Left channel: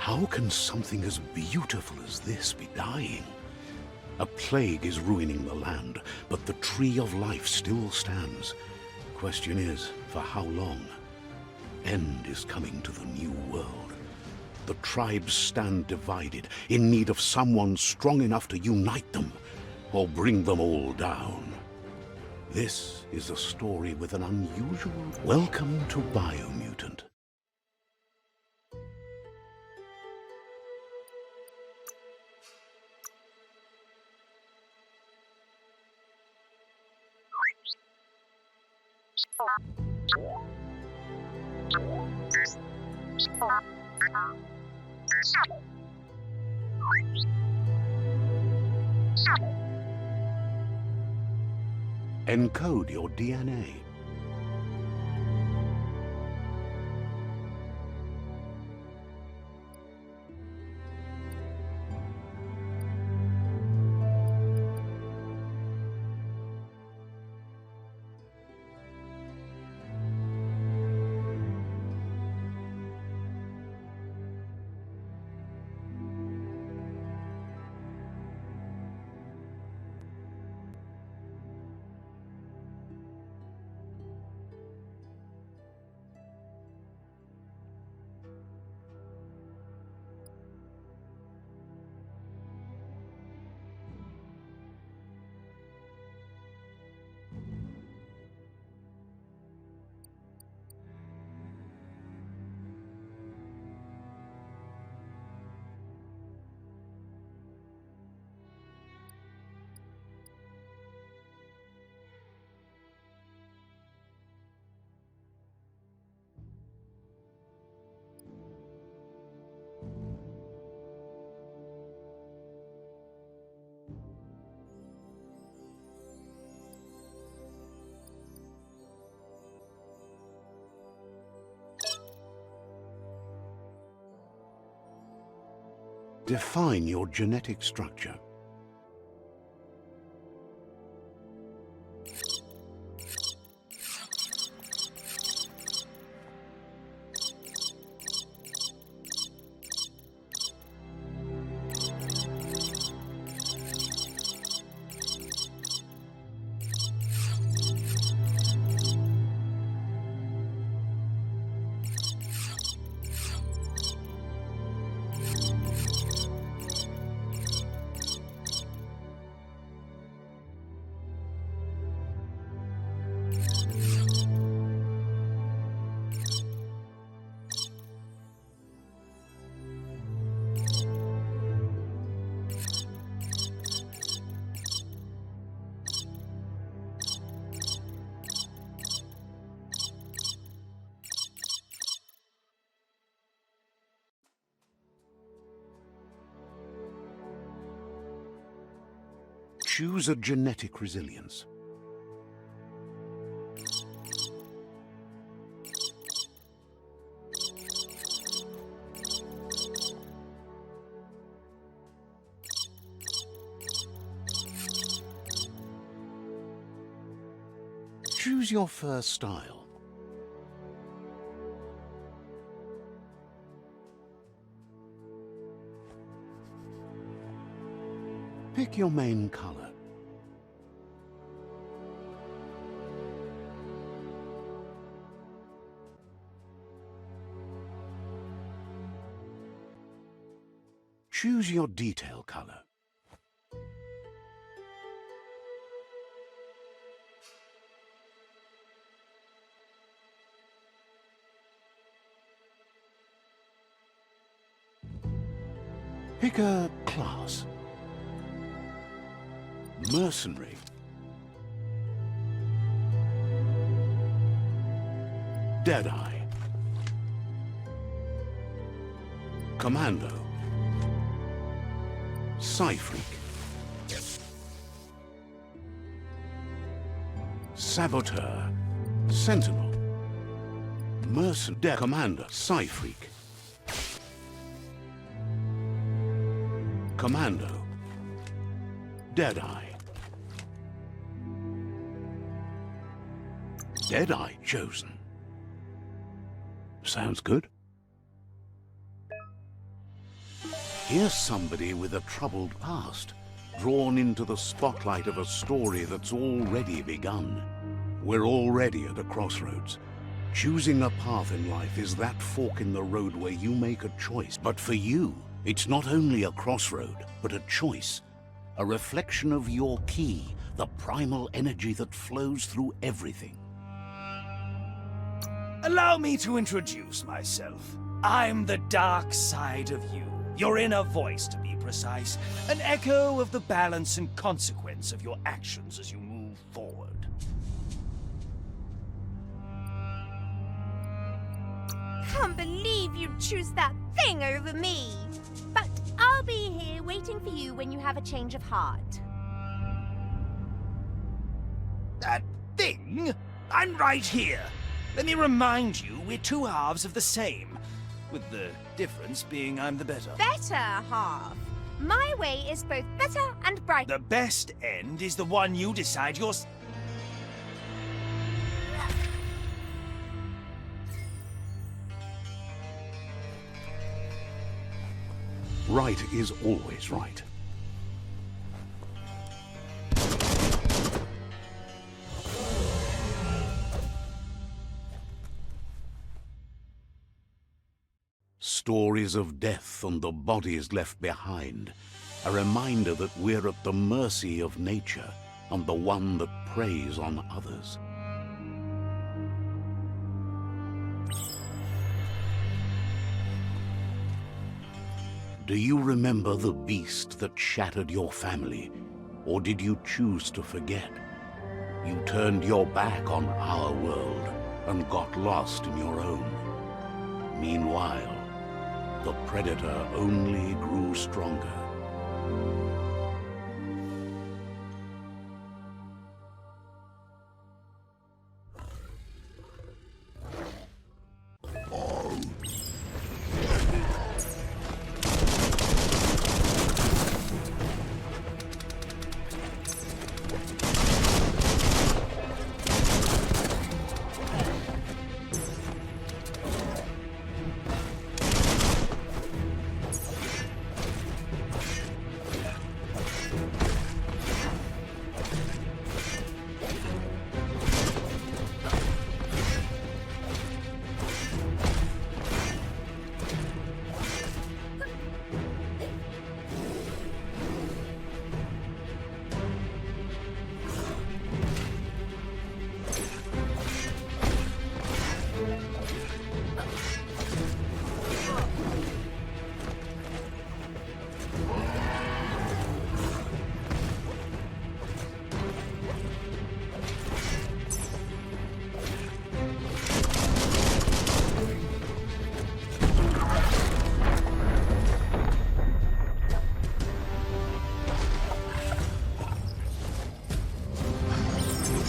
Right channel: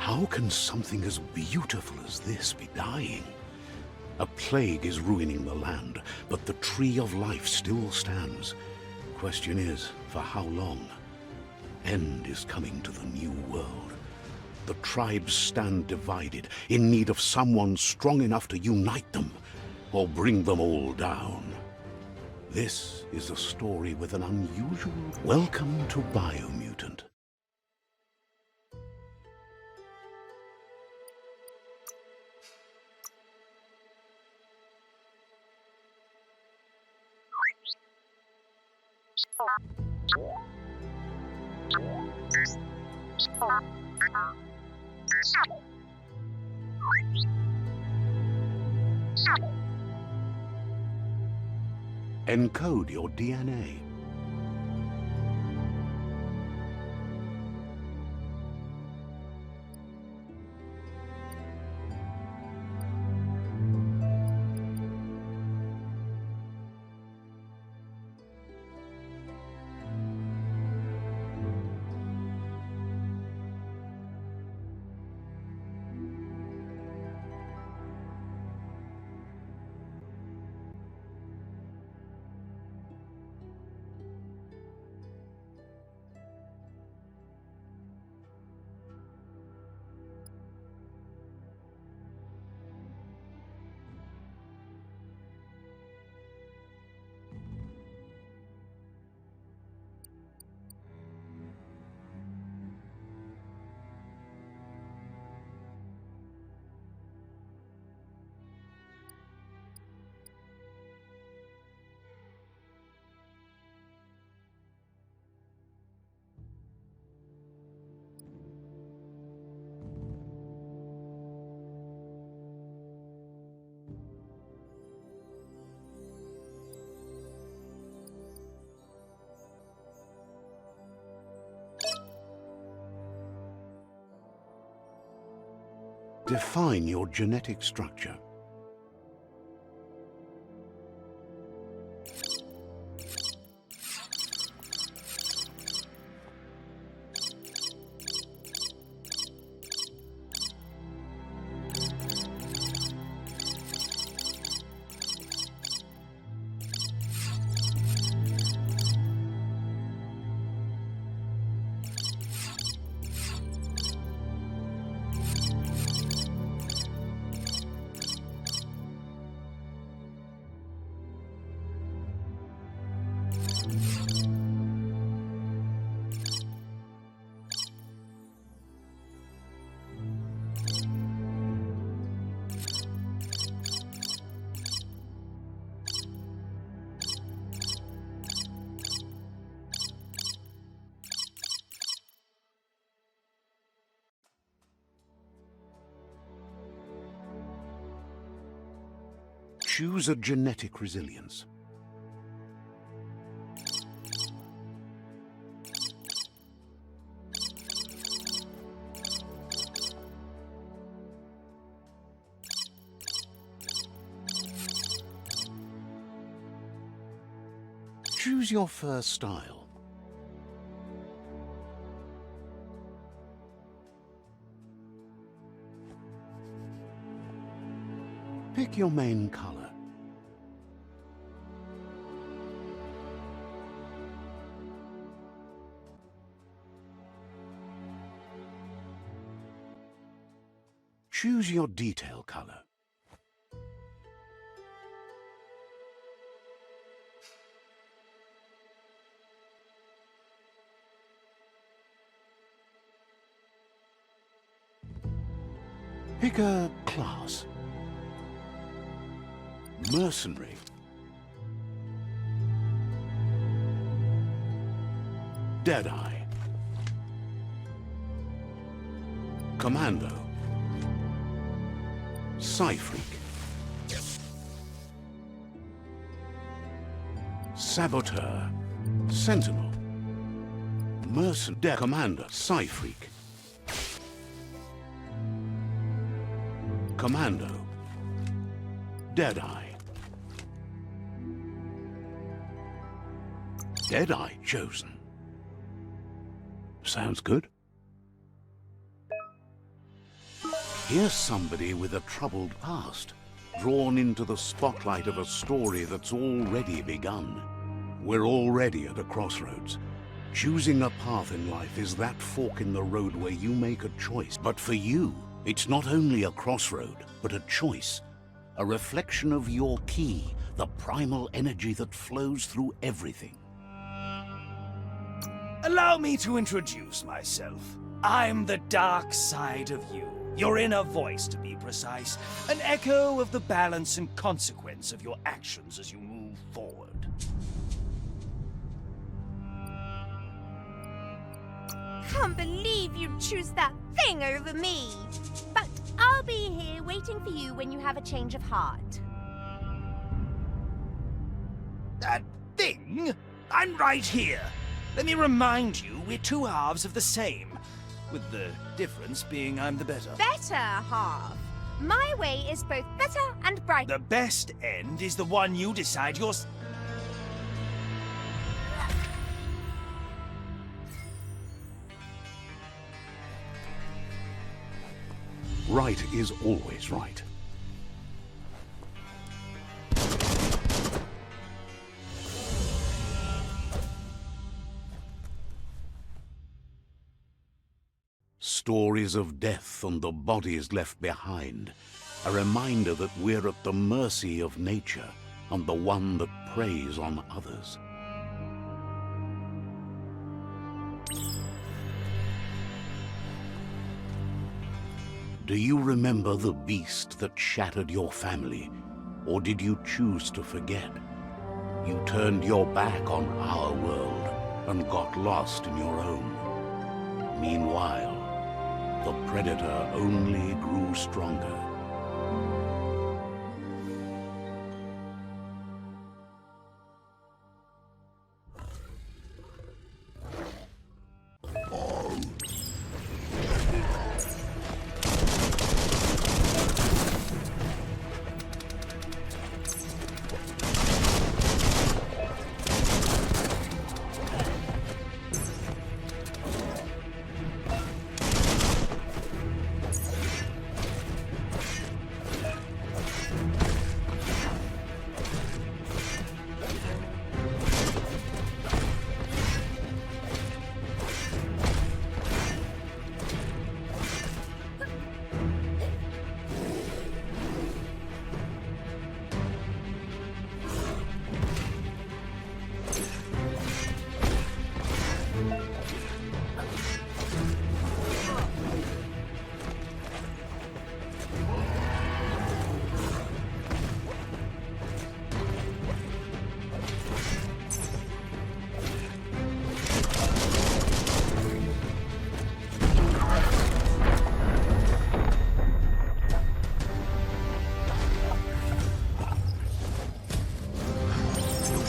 How can something as beautiful as this be dying? A plague is ruining the land, but the tree of life still stands. Question is, for how long? End is coming to the new world. The tribes stand divided, in need of someone strong enough to unite them, or bring them all down. This is a story with an unusual... Welcome to BIOMUTANT. Encode your DNA. Define your genetic structure. Choose a genetic resilience. Choose your first style. Pick your main color. Choose your detail color. Pick a class. Mercenary. Deadeye. Commando. Psy-freak. Saboteur. Sentinel. Mercenary. Commander. Psy-freak. Commando. Deadeye. Deadeye chosen. Sounds good. Here's somebody with a troubled past, drawn into the spotlight of a story that's already begun. We're already at a crossroads. Choosing a path in life is that fork in the road where you make a choice. But for you, it's not only a crossroad, but a choice. A reflection of your key, the primal energy that flows through everything. Allow me to introduce myself. I'm the dark side of you. Your inner voice, to be precise. An echo of the balance and consequence of your actions as you move forward. Can't believe you'd choose that thing over me. But I'll be here waiting for you when you have a change of heart. That thing? I'm right here. Let me remind you, we're two halves of the same. With the difference being I'm the better. Better half. My way is both better and brighter. The best end is the one you decide yours. Right is always right. Stories of death and the bodies left behind. A reminder that we're at the mercy of nature and the one that preys on others. Do you remember the beast that shattered your family? Or did you choose to forget? You turned your back on our world and got lost in your own. Meanwhile, the predator only grew stronger.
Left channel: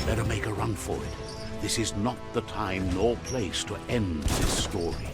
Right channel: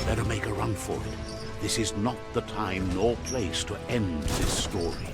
Better make a run for it. This is not the time nor place to end this story.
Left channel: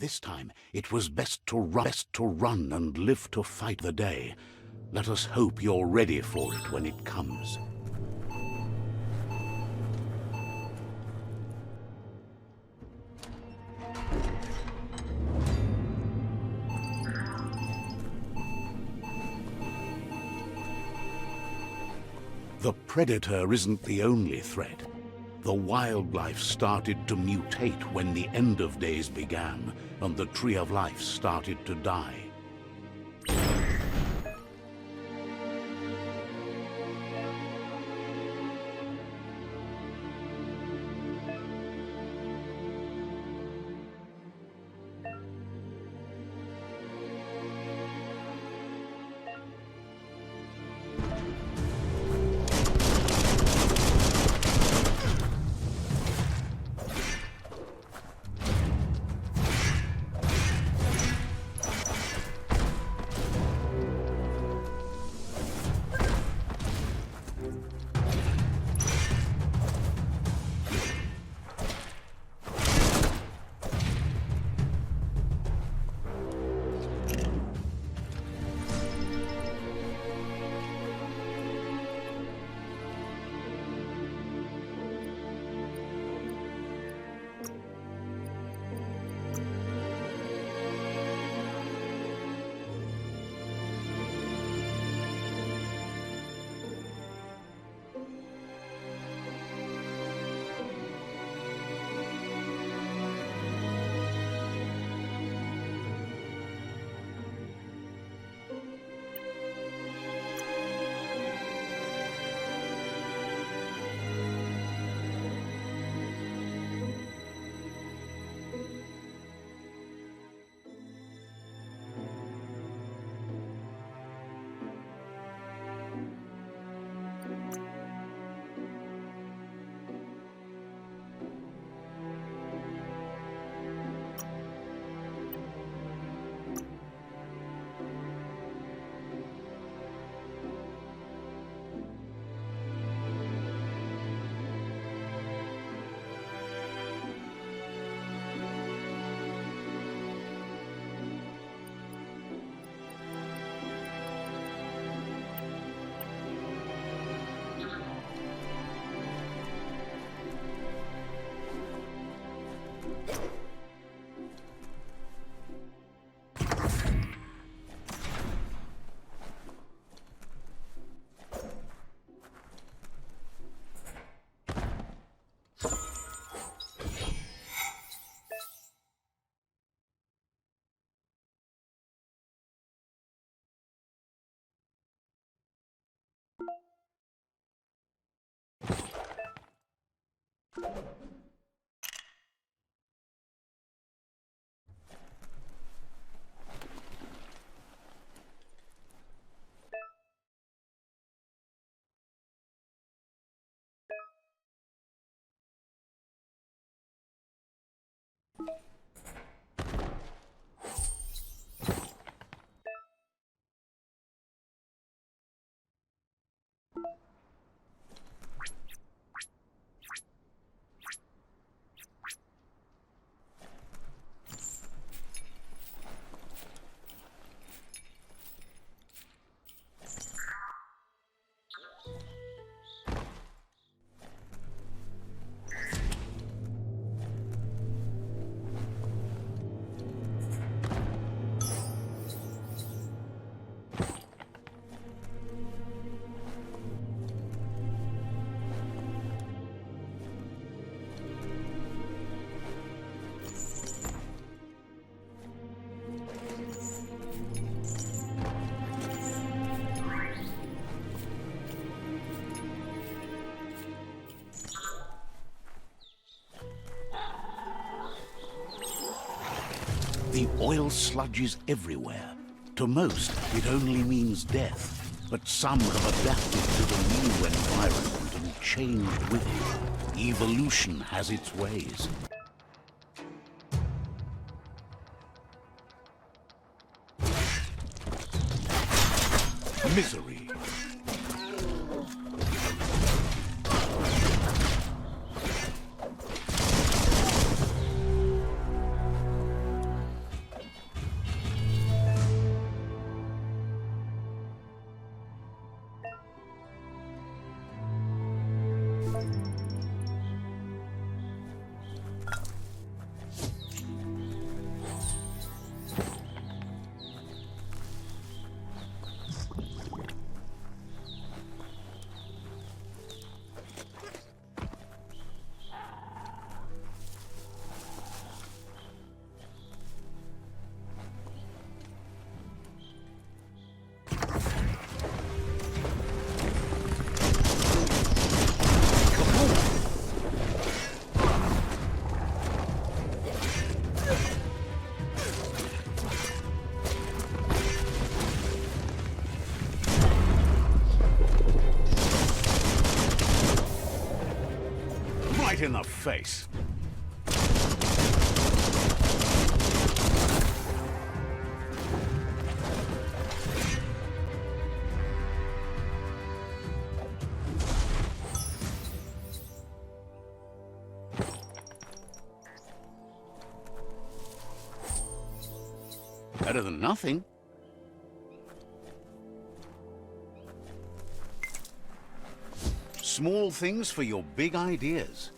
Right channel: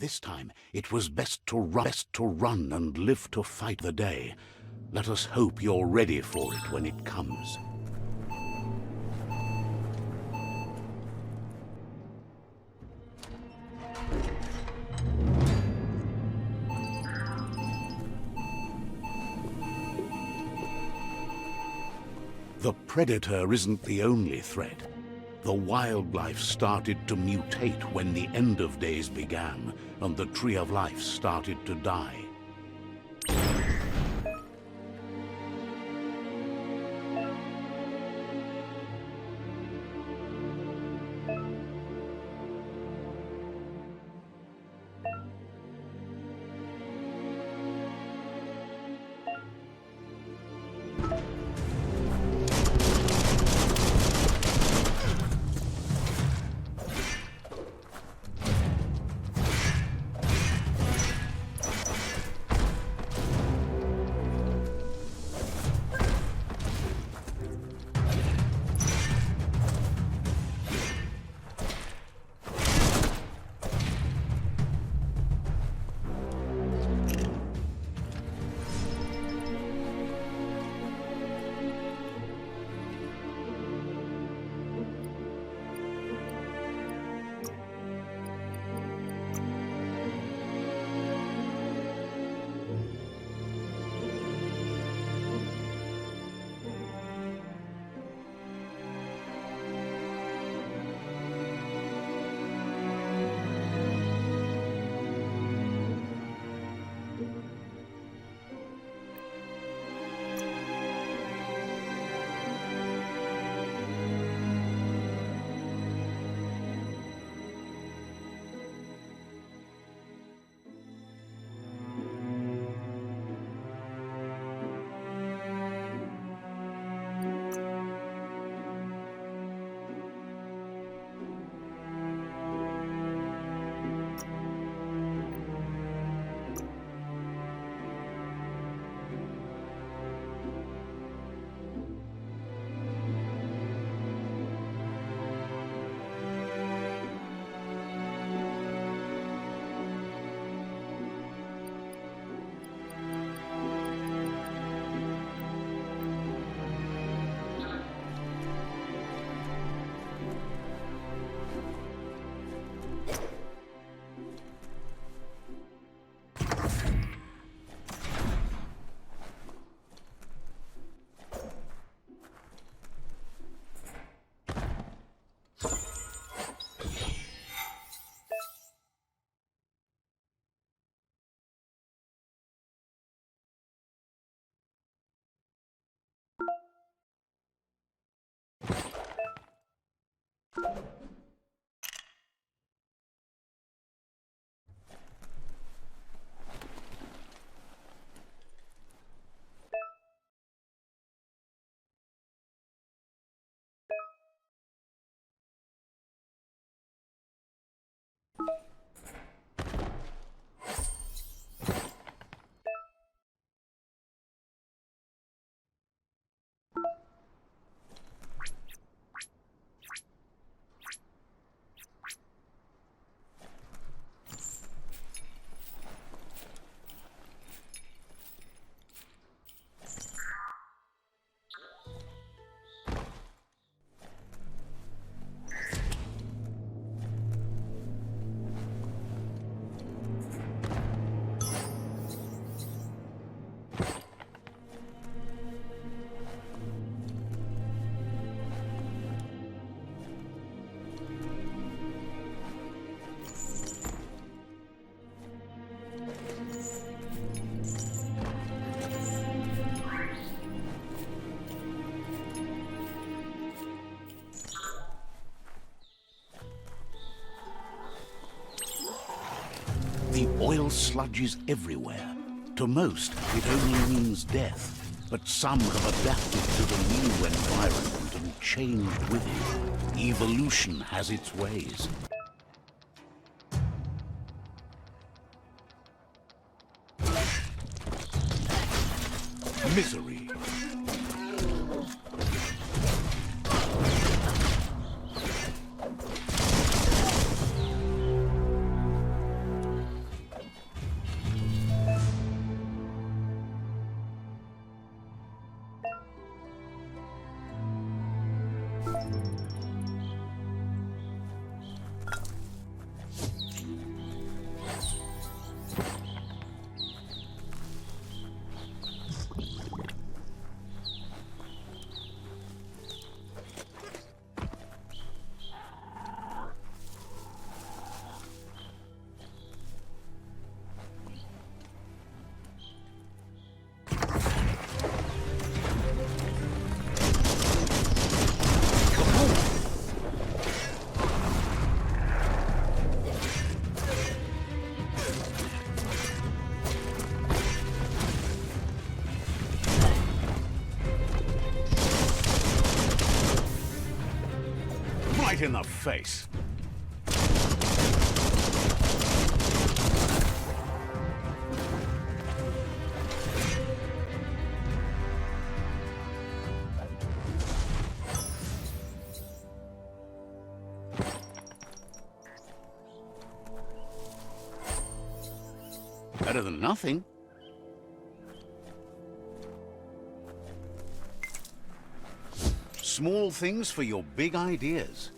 This time it was best to run and live to fight the day. Let us hope you're ready for it when it comes. The predator isn't the only threat. The wildlife started to mutate when the end of days began, and the tree of life started to die. The oil sludge is everywhere. To most, it only means death. But some have adapted to the new environment and changed with it. Evolution has its ways. Misery. Right in the face. Better than nothing. Small things for your big ideas.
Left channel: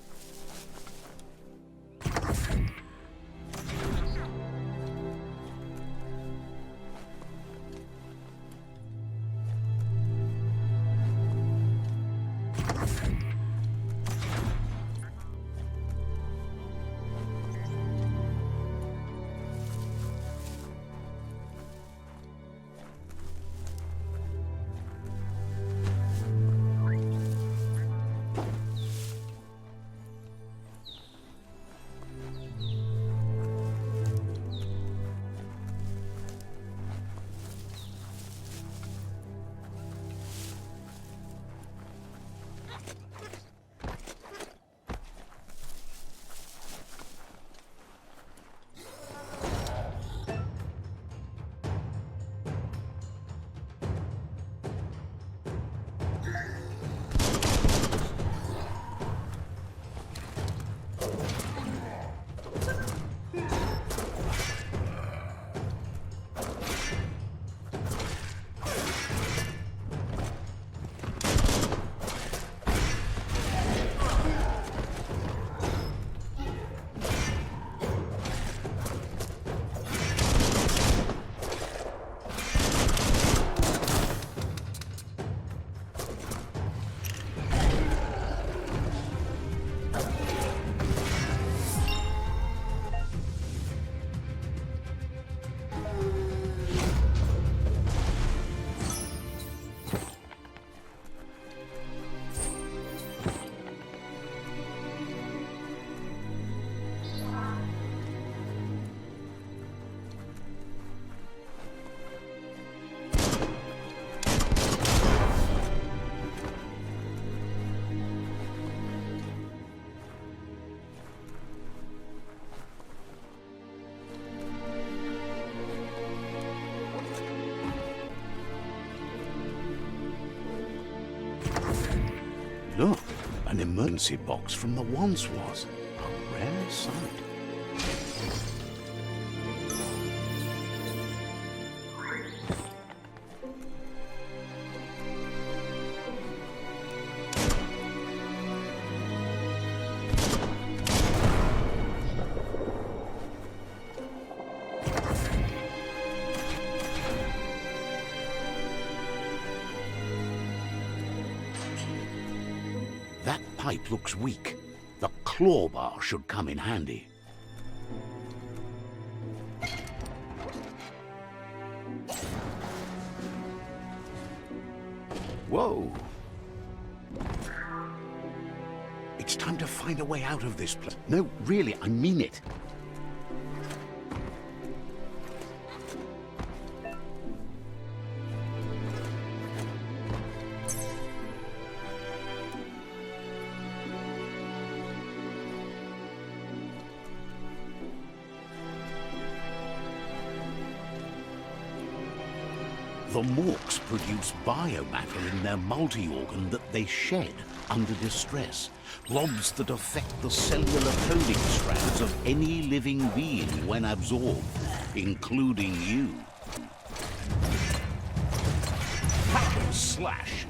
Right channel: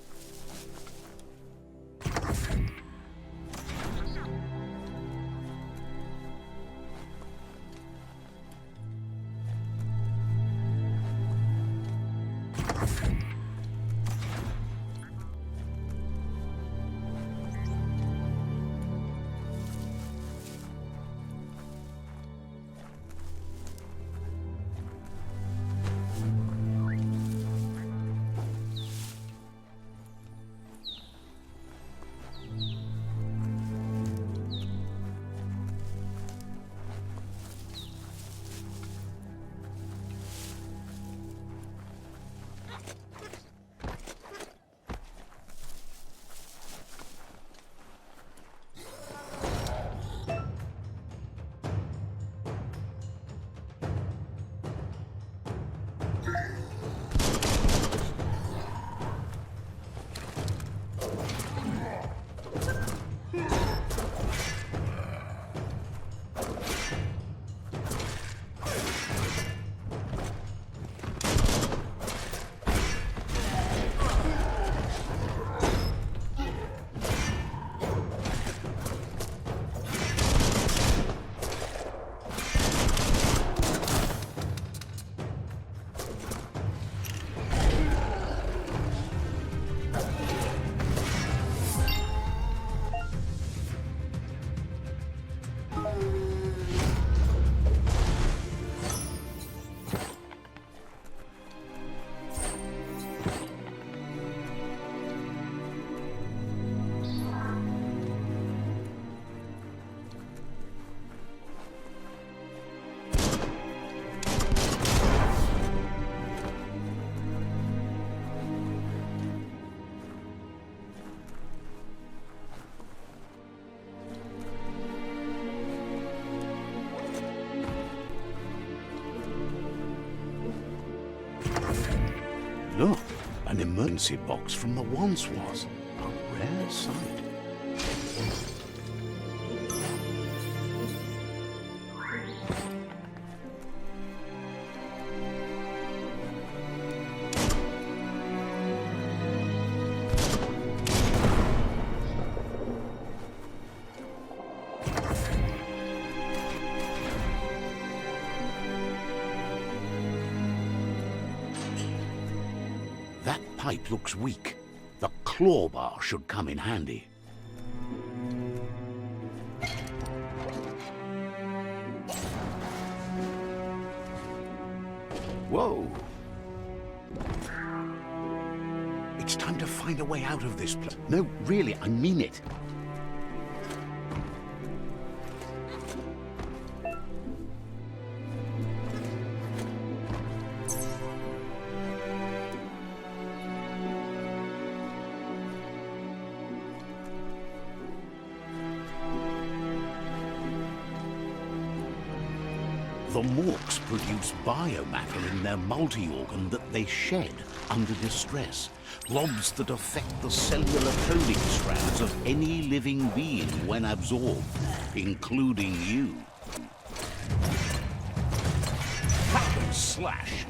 Look, an emergency box from the once was. A rare sight. That pipe looks weak. The claw bar should come in handy. Whoa! It's time to find a way out of this place. No, really, I mean it. The morks produce biomatter in their multi-organ that they shed under distress. Blobs that affect the cellular coding strands of any living being when absorbed, including you. Hack and slash.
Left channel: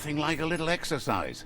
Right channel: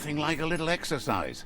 Nothing like a little exercise.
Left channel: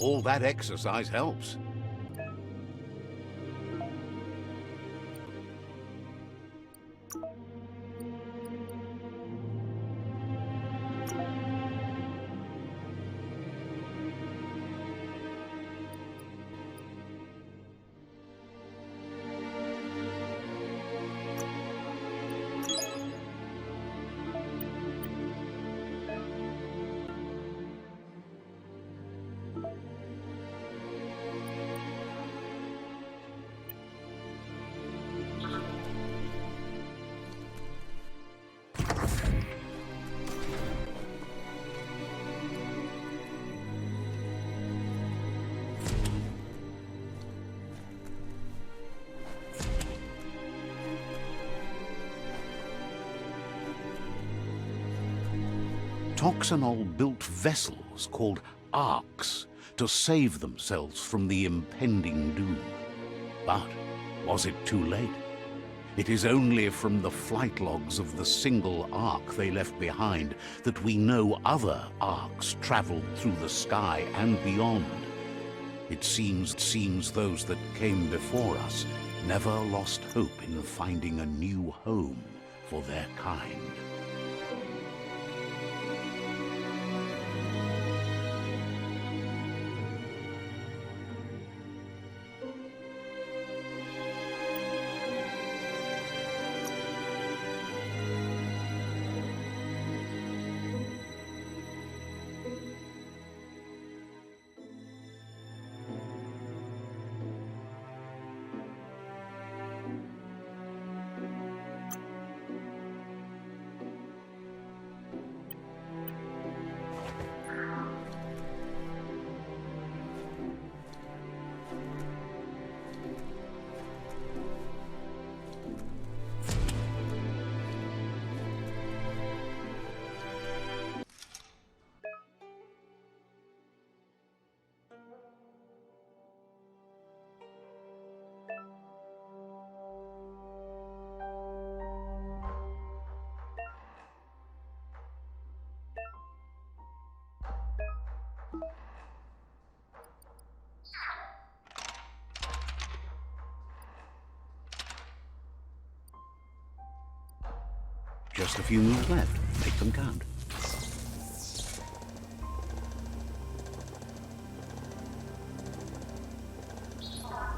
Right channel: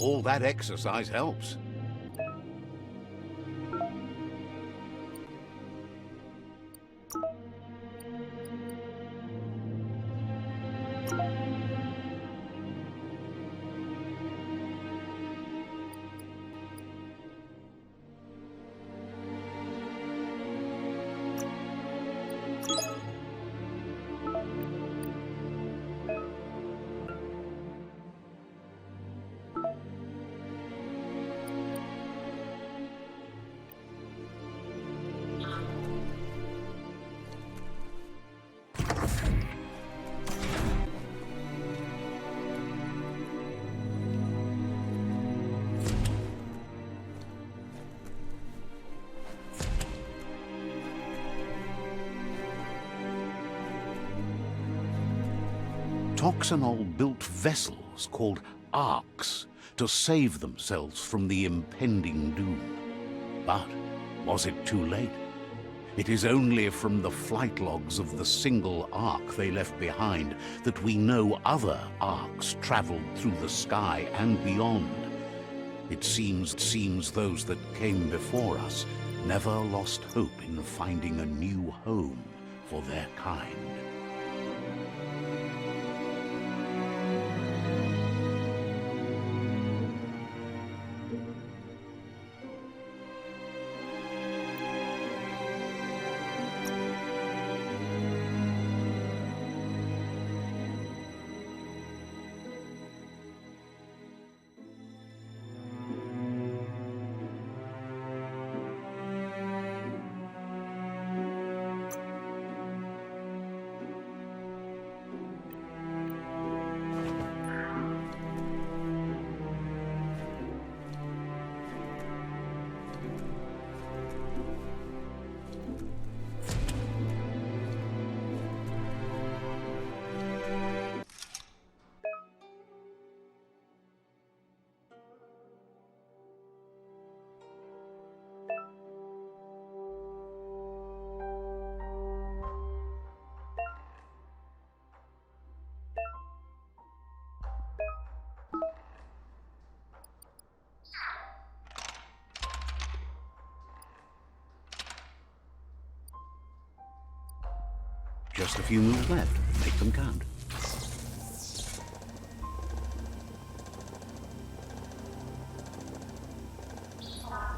All that exercise helps. Toxanol built vessels called arks to save themselves from the impending doom. But was it too late? It is only from the flight logs of the single ark they left behind that we know other arks traveled through the sky and beyond. It seems those that came before us never lost hope in finding a new home for their kind. Just a few moves left. Make them count.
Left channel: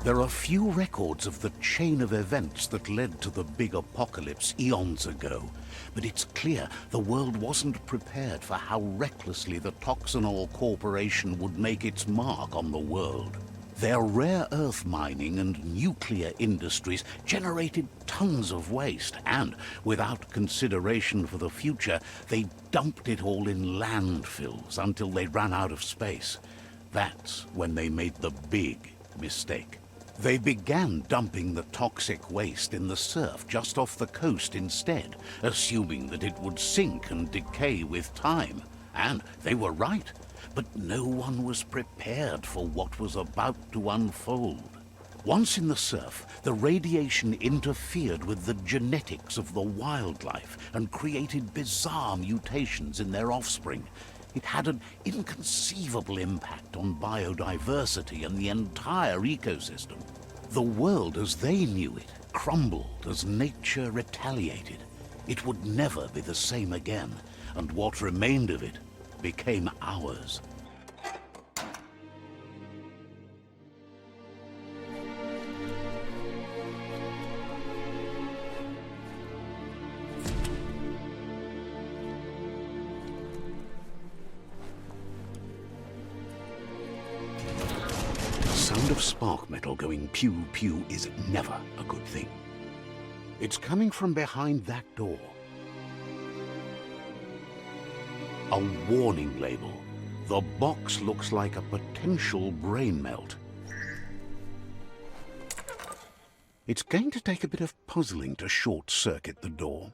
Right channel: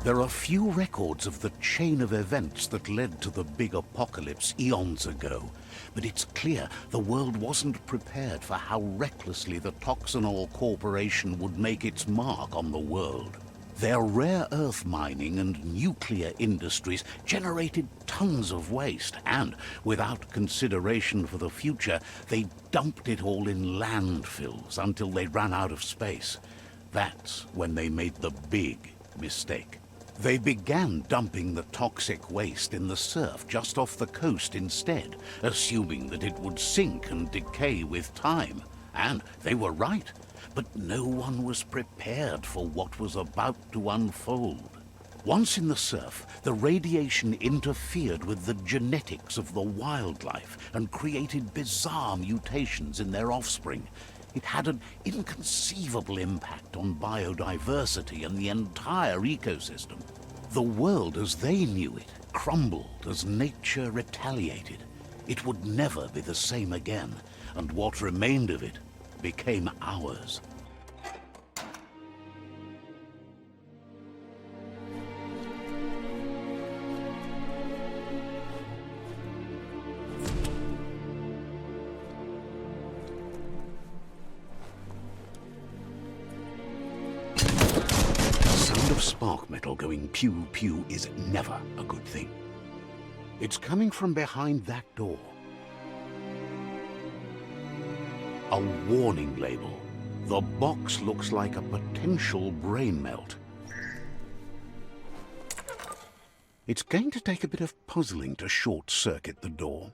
There are few records of the chain of events that led to the big apocalypse eons ago, but it's clear the world wasn't prepared for how recklessly the Toxanol Corporation would make its mark on the world. Their rare earth mining and nuclear industries generated tons of waste, and without consideration for the future, they dumped it all in landfills until they ran out of space. That's when they made the big mistake. They began dumping the toxic waste in the surf just off the coast instead, assuming that it would sink and decay with time. And they were right. But no one was prepared for what was about to unfold. Once in the surf, the radiation interfered with the genetics of the wildlife and created bizarre mutations in their offspring. It had an inconceivable impact on biodiversity and the entire ecosystem. The world as they knew it crumbled as nature retaliated. It would never be the same again, and what remained of it became ours. spark metal going pew-pew is never a good thing. It's coming from behind that door. A warning label. The box looks like a potential brain melt. It's going to take a bit of puzzling to short-circuit the door.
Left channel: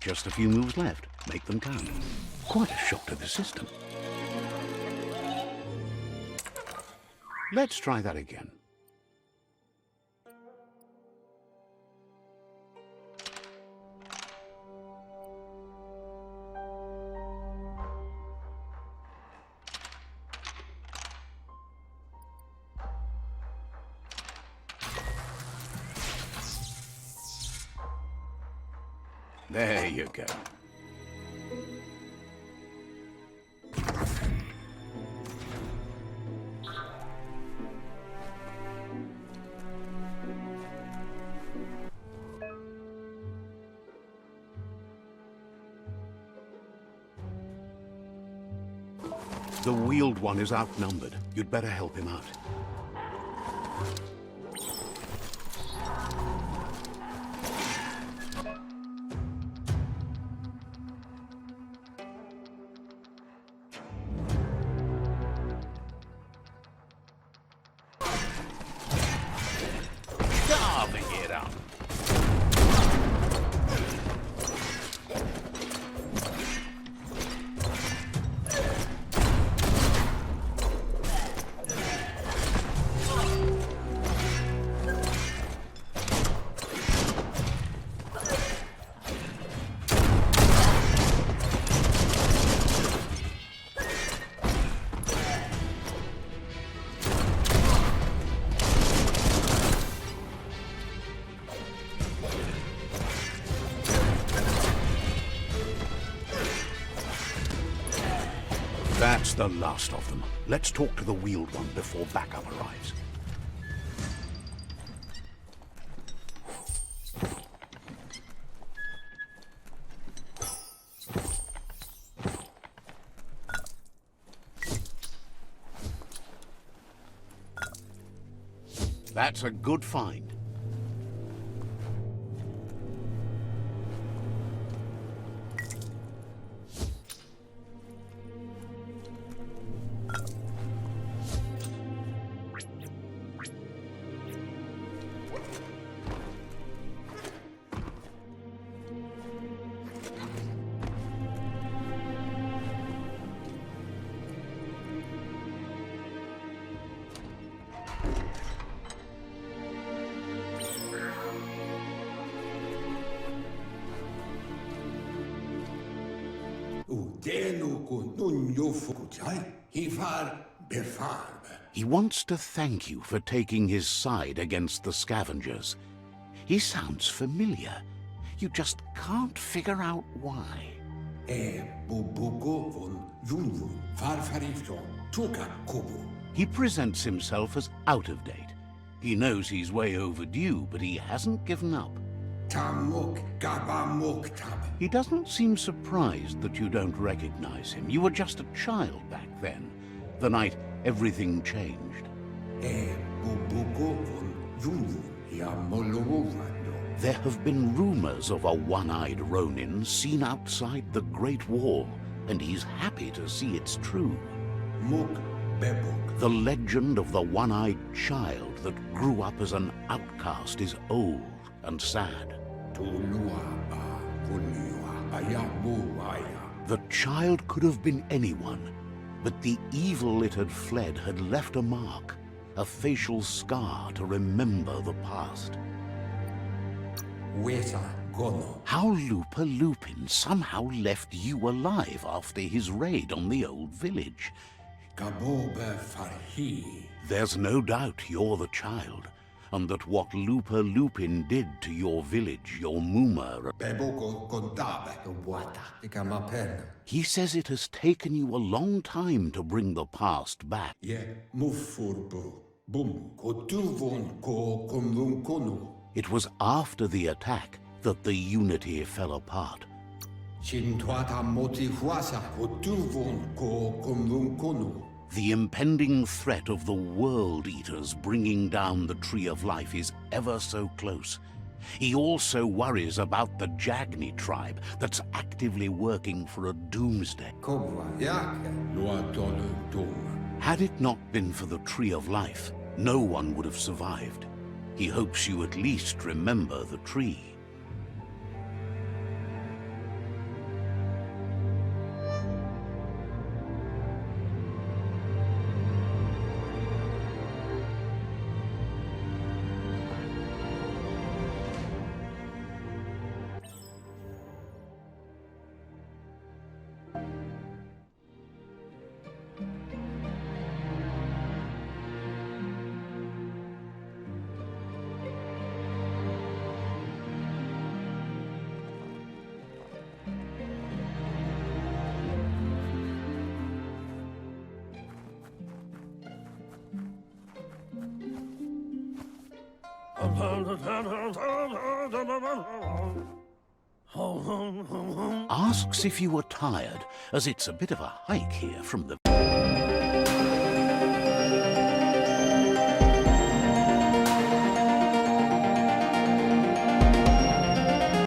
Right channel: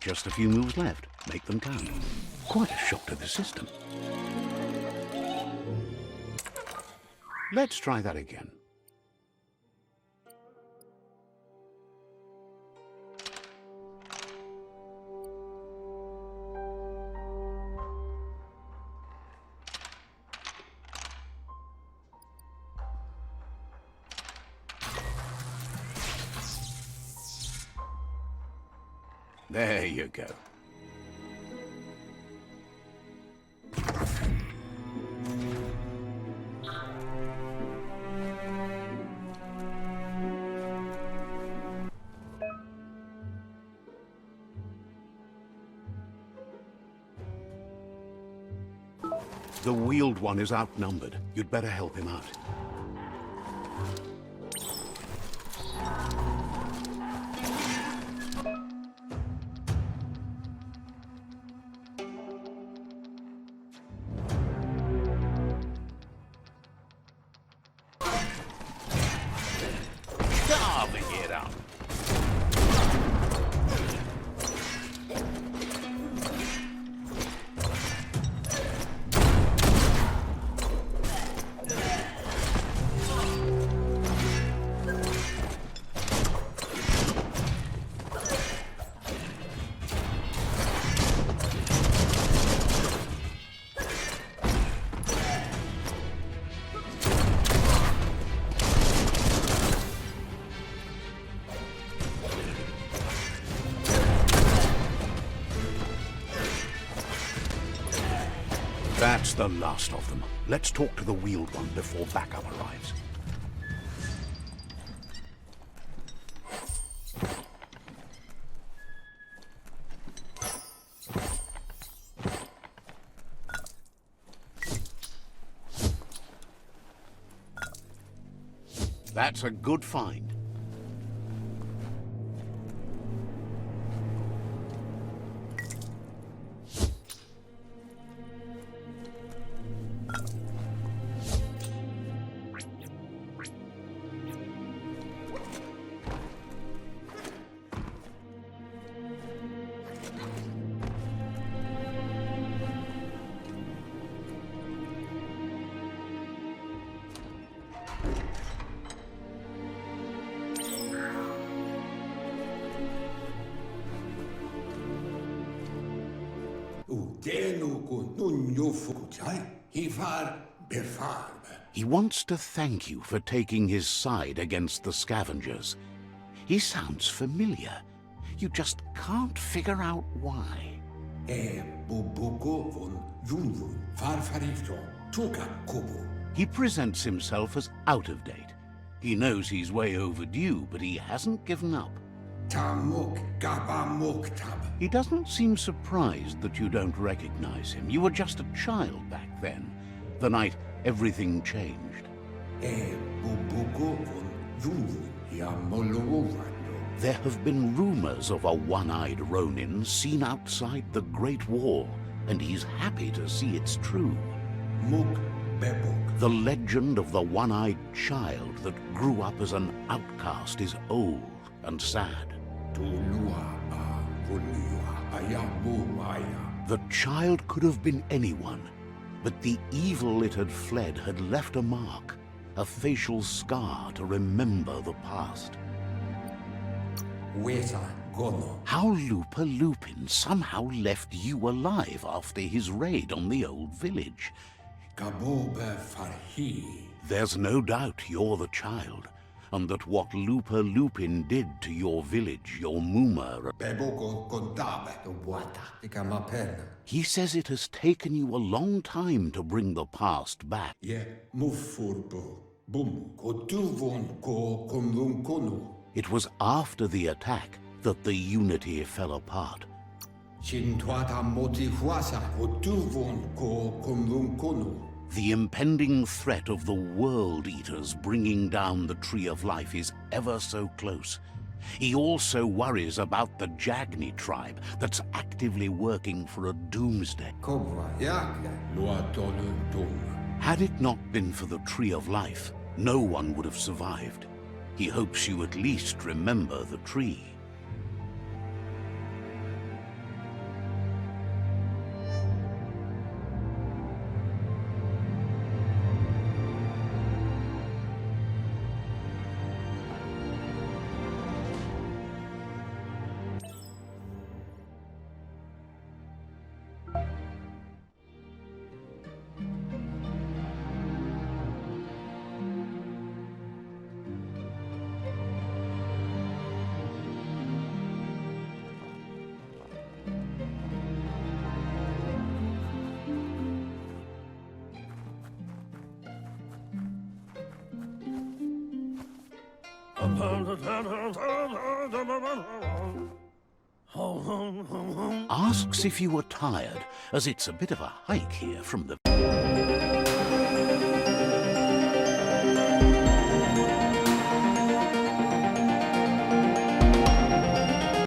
Just a few moves left. Make them count. Quite a shock to the system. Let's try that again. There you go. The wheeled one is outnumbered. You'd better help him out. Carving it up. That's the last of them. Let's talk to the wheeled one before backup arrives. That's a good find. He wants to thank you for taking his side against the scavengers. He sounds familiar. You just can't figure out why. He presents himself as out of date. He knows he's way overdue, but he hasn't given up. He doesn't seem surprised that you don't recognize him. You were just a child back then, the night everything changed. There have been rumors of a one-eyed Ronin seen outside the Great Wall, and he's happy to see it's true. The legend of the one-eyed child that grew up as an outcast is old and sad. The child could have been anyone, but the evil it had fled had left a mark, a facial scar to remember the past. How Lupa Lupin somehow left you alive after his raid on the old village. There's no doubt you're the child, and that what Lupa Lupin did to your village, your Muma... He says it has taken you a long time to bring the past back. It was after the attack that the unity fell apart. The impending threat of the World Eaters bringing down the Tree of Life is ever so close. He also worries about the Jagni tribe that's actively working for a doomsday. Had it not been for the Tree of Life, no one would have survived. He hopes you at least remember the tree. Asks if you were tired, as it's a bit of a hike here from the...